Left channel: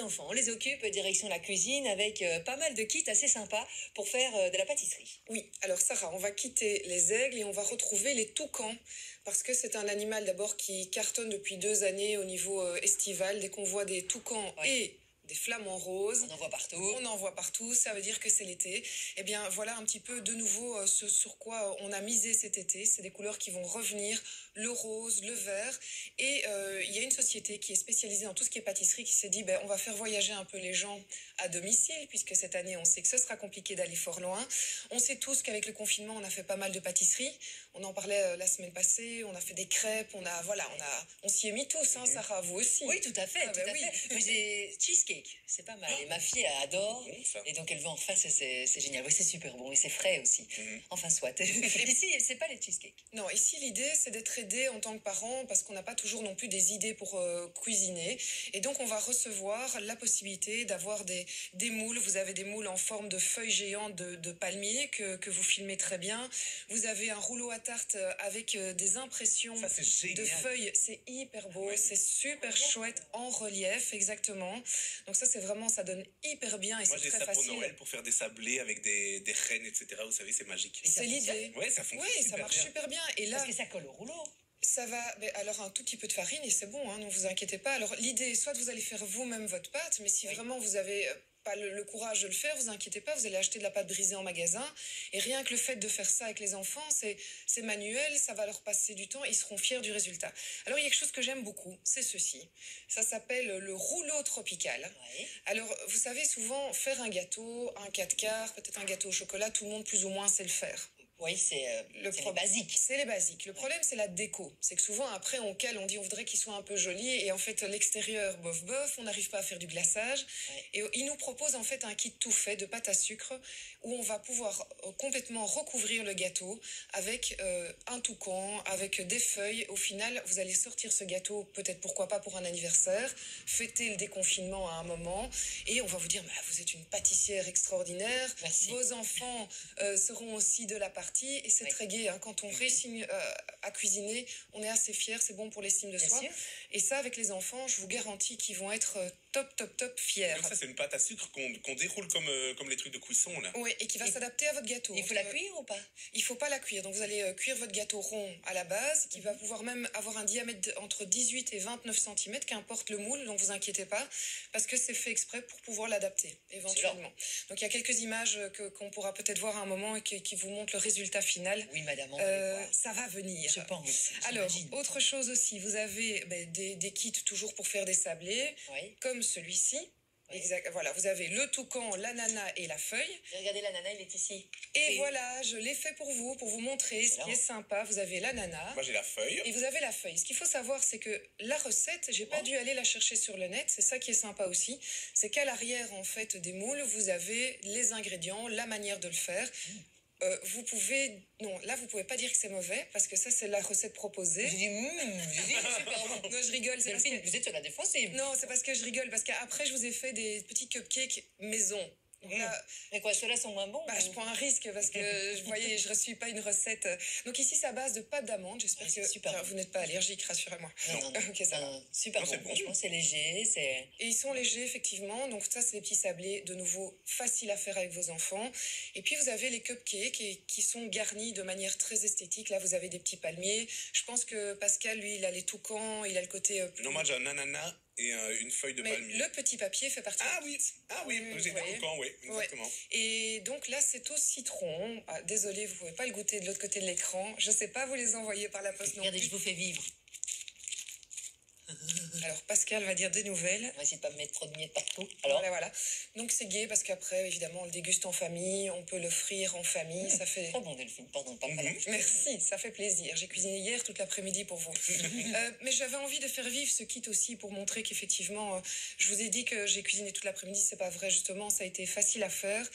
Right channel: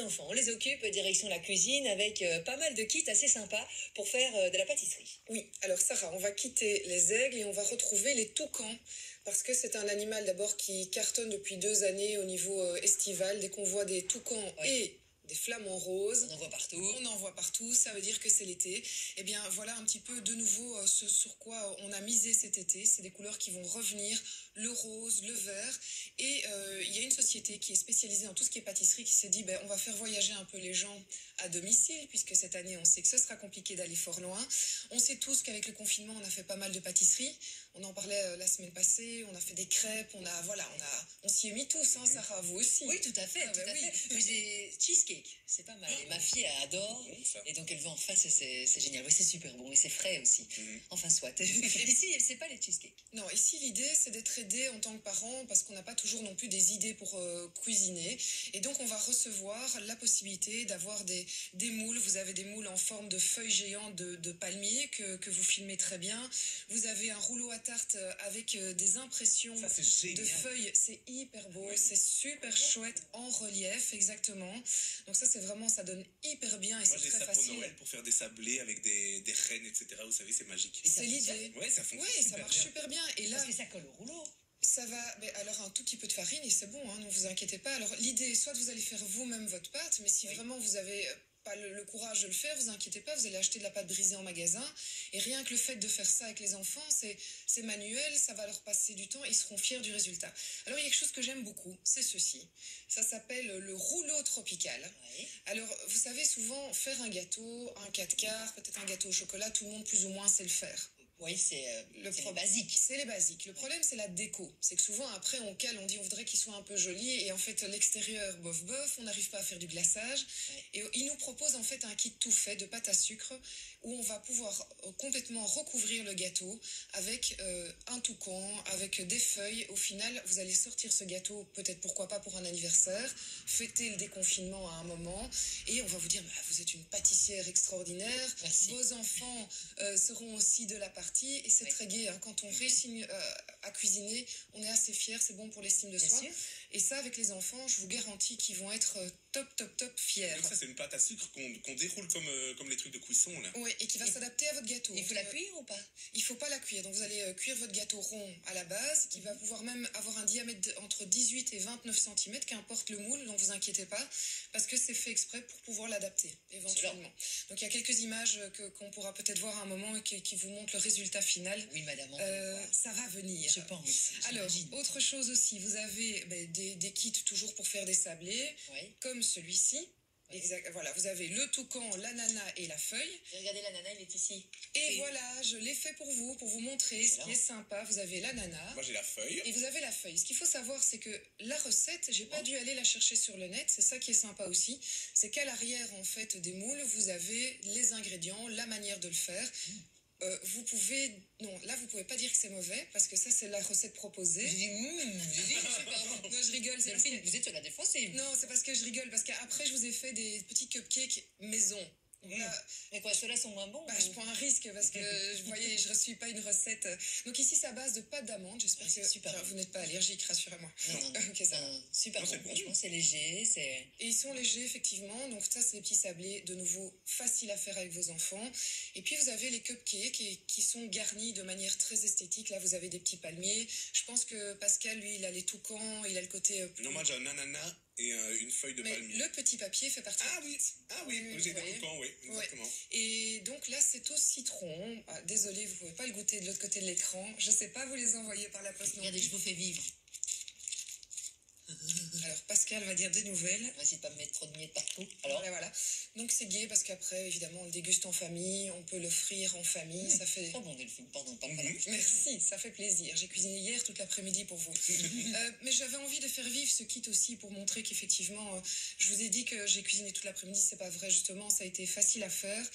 les enfants. On les occupe direction la cuisine avec pas mal de kits assez sympas pour faire de la pâtisserie. Oui, alors Sarah, on va quitter les aigles et on va retrouver les toucans. Parce que c'est un animal d'abord qui cartonne depuis 2 années au niveau estival. Dès qu'on voit des toucans et des flamants roses. On en voit partout. On en voit partout, ça veut dire que c'est l'été. Eh bien, voilà un petit peu de nouveau ce sur quoi on a misé cet été. C'est des couleurs qui vont revenir, le rose, le vert. Et il y a une société qui est spécialisée dans tout ce qui est pâtisserie qui s'est dit, on va faire voyager un peu les gens à domicile, puisque cette année, on sait que ce sera compliqué d'aller fort loin. On sait tous qu'avec le confinement, on a fait pas mal de pâtisseries. On en parlait la semaine passée, on a fait des crêpes, on s'y est mis tous, hein, Sarah, vous aussi. Oui, tout à fait, tout à fait. Mais j'ai cheesecake, c'est pas mal. Et ma fille, elle adore. Et donc, elle veut en faire, c'est génial. Oui, c'est super bon. Et c'est frais aussi. Enfin, soit. Ici, c'est pas les cheesecakes. Non, ici, l'idée, c'est d'être aidé en tant que parent parce qu'on n'a pas toujours non plus des idées pour cuisiner. Et donc, on va recevoir la possibilité d'avoir des moules. Vous avez des moules en forme de feuilles géantes de palmier que vous filmez très bien. Vous avez un rouleau à tarte avec des impressions de feuilles. C'est hyper beau, c'est super chouette en relief, exactement. Donc ça, c'est vraiment, ça donne hyper bien et c'est très facile. Moi, j'ai ça pour Noël pour faire des sablés avec des rennes, etc. Vous savez, c'est magique. C'est l'idée. Ouais, ça fonctionne. Oui, ça marche super bien. Et là, parce que ça colle au rouleau. Ça va, alors un tout petit peu de farine et c'est bon, hein, ne vous inquiétez pas. Alors l'idée, soit vous allez faire vous-même votre pâte, mais si vraiment vous avez pas le courage de le faire, vous inquiétez pas, vous allez acheter de la pâte brisée en magasin. Et rien que le fait de faire ça avec les enfants, c'est manuel, ça va leur passer du temps, ils seront fiers du résultat. Alors il y a quelque chose que j'aime beaucoup, c'est ceci. Ça s'appelle le rouleau tropical. Ouais. Alors vous savez souvent faire un gâteau, un 4 quarts, peut-être un gâteau au chocolat, tout le monde plus ou moins sait le faire. Oui, c'est les basiques. C'est les basiques. Le problème, c'est la déco. C'est que souvent, après, on cale, on dit on voudrait qu'il soit un peu joli. Et en fait, l'extérieur, bof, bof, on n'arrive pas à faire du glaçage. Ouais. Et il nous propose en fait un kit tout fait de pâte à sucre où on va pouvoir complètement recouvrir le gâteau avec un toucan, avec des feuilles. Au final, vous allez sortir ce gâteau, peut-être pourquoi pas pour un anniversaire, fêter le déconfinement à un moment. Et on va vous dire, vous êtes une pâtissière extraordinaire. Merci. Vos enfants seront aussi de la partie. Et c'est très gai, hein. Quand on réussit à cuisiner, on est assez fiers, c'est bon pour l'estime de soi. Sûr. Et ça, avec les enfants, je vous garantis qu'ils vont être top fiers. Donc ça, c'est une pâte à sucre qu'on déroule comme les trucs de cuisson, là. Oui, et qui va s'adapter à votre gâteau. Il faut la cuire ou pas? Il faut pas la cuire. Donc vous allez cuire votre gâteau rond à la base, qui va pouvoir même avoir un diamètre entre 18 et 29 cm, qu'importe le moule, donc vous inquiétez pas, parce que c'est fait exprès pour pouvoir l'adapter, éventuellement. Donc il y a quelques images qu'on pourra peut-être voir à un moment et qui vous montrent le résultat final. Oui, madame, ça va venir. Je pense. Alors, autre chose aussi, vous avez des kits toujours pour faire des sablés, comme celui-ci. Oui. Exact. Voilà, vous avez le toucan, l'ananas et la feuille. Regardez, l'ananas, il est ici. Et voilà, je l'ai fait pour vous montrer ce qui est sympa. Vous avez l'ananas. Moi, j'ai la feuille. Et vous avez la feuille. Ce qu'il faut savoir, c'est que la recette, j'ai pas dû aller la chercher sur le net. C'est ça qui est sympa aussi. C'est qu'à l'arrière, en fait, des moules, vous avez les ingrédients, la manière de le faire. Vous pouvez... Non, là, vous pouvez pas dire que c'est mauvais, parce que ça, c'est la recette proposée. J'ai dit, super bon. Non, je rigole. Delphine, vous êtes sur la défensive. Non, c'est parce que je rigole, parce qu'après, je vous ai fait des petits cupcakes maison. Là, mais quoi, ceux-là sont moins bons? Je prends un risque parce que je ne suis pas une recette. Donc ici, c'est à base de pâte d'amande. J'espère que super. Vous n'êtes pas allergique, rassurez-moi. Non. Ok, ça va. Super bon. Franchement, c'est léger. Et ils sont légers, effectivement. Donc ça, c'est des petits sablés, de nouveau, faciles à faire avec vos enfants. Et puis, vous avez les cupcakes qui sont garnis de manière très esthétique. Là, vous avez des petits palmiers. Je pense que Pascal, lui, il a les toucans, il a le côté... Non, moi, j'ai un ananas et une feuille de palmier. Le petit papier fait partie. Ah oui, j'ai des toucans, oui, exactement. Ouais. Et donc là, c'est au citron. Désolée, vous pouvez pas le goûter de l'autre côté de l'écran. Je sais pas vous les envoyer par la poste non plus. Regardez, je vous fais vivre. Alors, Pascal va dire des nouvelles. On va essayer de pas me mettre trop de miettes partout. Alors voilà. Donc, c'est gai parce qu'après, évidemment, on le déguste en famille, on peut l'offrir en famille. Ça fait... Trop bon, Delphine, pardon, pas Merci, ça fait plaisir. J'ai cuisiné hier toute l'après-midi pour vous. Mais j'avais envie de faire vivre ce kit aussi pour montrer qu'effectivement, je vous ai dit que j'ai cuisiné toute l'après-midi, c'est pas vrai, justement, ça a été facile à faire.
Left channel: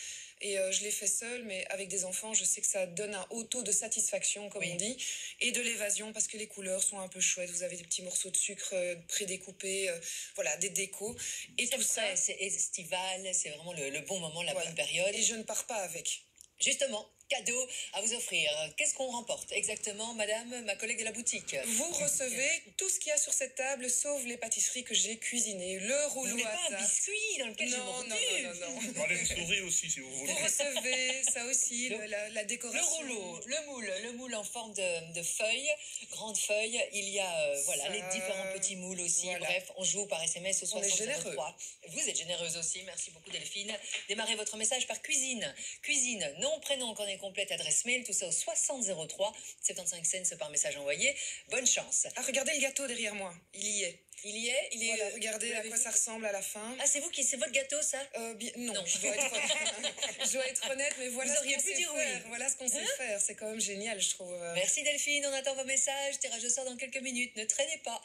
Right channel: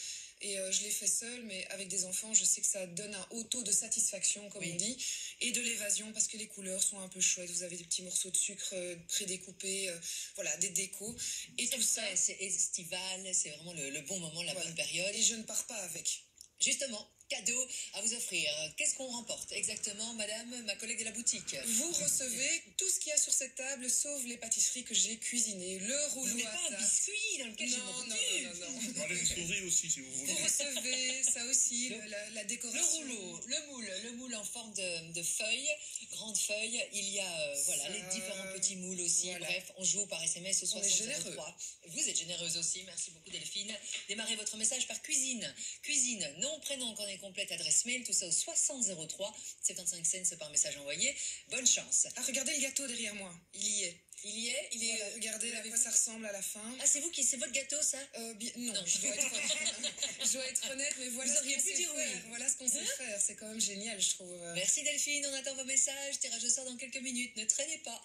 Et je l'ai fait seule, mais avec des enfants, je sais que ça donne un haut taux de satisfaction, comme on dit, et de l'évasion, parce que les couleurs sont un peu chouettes. Vous avez des petits morceaux de sucre prédécoupés, voilà, des décos. Et tout ça, c'est estival, c'est vraiment le bon moment, la bonne période. Et je ne pars pas avec. Justement, cadeaux à vous offrir. Qu'est-ce qu'on remporte exactement, madame, ma collègue de la boutique? Vous recevez tout ce qu'il y a sur cette table, sauf les pâtisseries que j'ai cuisinées. Le Vous rouleau voulez à pas un tarte. biscuit dans lequel je Non, non, m'occupe? non, non, non. On enlève une souris aussi, si vous voulez. Vous recevez ça aussi, la Le décoration. rouleau, le moule en forme de feuille, grande feuille. Il y a Ça, les différents petits moules aussi. voilà. Bref, on joue par SMS au On est 6003. Vous êtes généreuse aussi. Merci beaucoup Delphine. Démarrez votre message par cuisine. Cuisine, nom, prénom, coordonnée complète, adresse mail, tout ça au 6003. 75 cents par message envoyé. Bonne chance. Ah, regardez le gâteau derrière moi. Il y est. Il y est, Voilà, regardez vous à l'avez quoi vu ça ressemble à la fin. Ah, c'est votre gâteau, ça? Non, Non. Je, dois être, je dois être honnête, mais voilà Vous ce auriez qu'on pu sait dire faire. oui. Voilà ce qu'on sait faire. C'est quand même génial, je trouve. Merci Delphine, on attend vos messages. Tirage au sort dans quelques minutes. Ne traînez pas.